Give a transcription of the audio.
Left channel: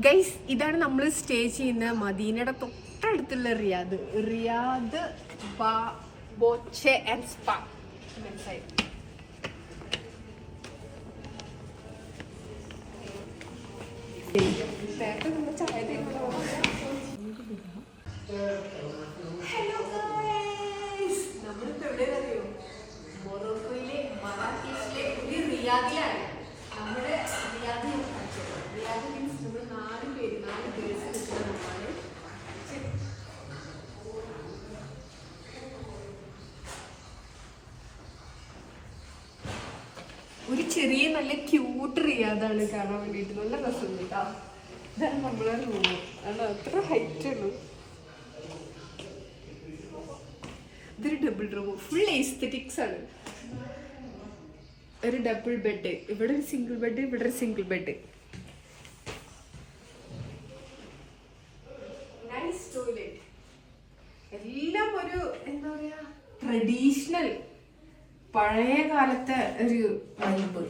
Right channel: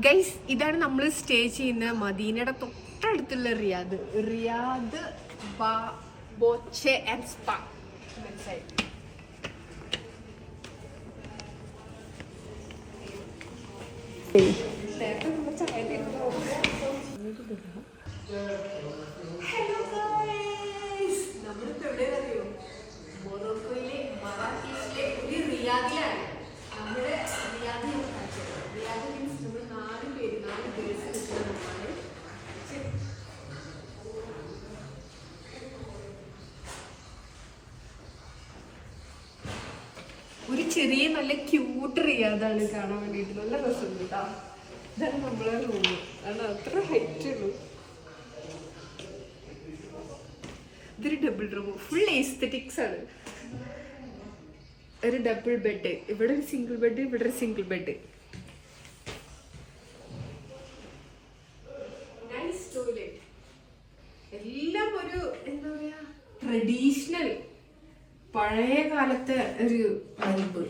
Guys, ഇതാണ് നമ്മൾ stay ചെയ്യുന്ന മദീനയുടെ തൊട്ടടുത്തുള്ള Riyadh. Riyadh Boche and spa. മനസ്സിലായി? ഹലോ ഗൈസ്, നമ്മളിപ്പോ എവിടെയാ അറിയോ? മൊറോക്കോയിലെ മറാക്കേഷിലെ ഒരു റിയാദിലാണ്. നമ്മുടെ റിയാദ് റിയാദ് മീൻസ് നമ്മൾ 4 ഗേൾസ് നിൽക്കുന്ന നമ്മളാണ്. ഒരു ചെറിയ നല്ല ക്യൂട്ട് റിയാദാണ് കാണാൻ വേണ്ടിയിട്ട്. നല്ല രസമുണ്ട് കേട്ടോ. ഇതാണ് നമ്മളെ റൂം. അത് അത്ര ഹൈറ്റ് ഉള്ളൂ. ഇതൊരു ഡബിൾ റൂം, ഫുൾ എസ്തെറ്റിക്സ് ആണ്. ഒരു ഡബിൾ ബെഡ്, ഇവിടെ ഒരു സിംഗിൾ ബെഡ്, ഇവിടെ ഒരു സിംഗിൾ ബെഡ്. Nice toilet. എല്ലാം ഒരു എന്താ പറയാ, ട്രഡീഷണൽ പഴയ കാലത്തെ ഒരു വൈബ്.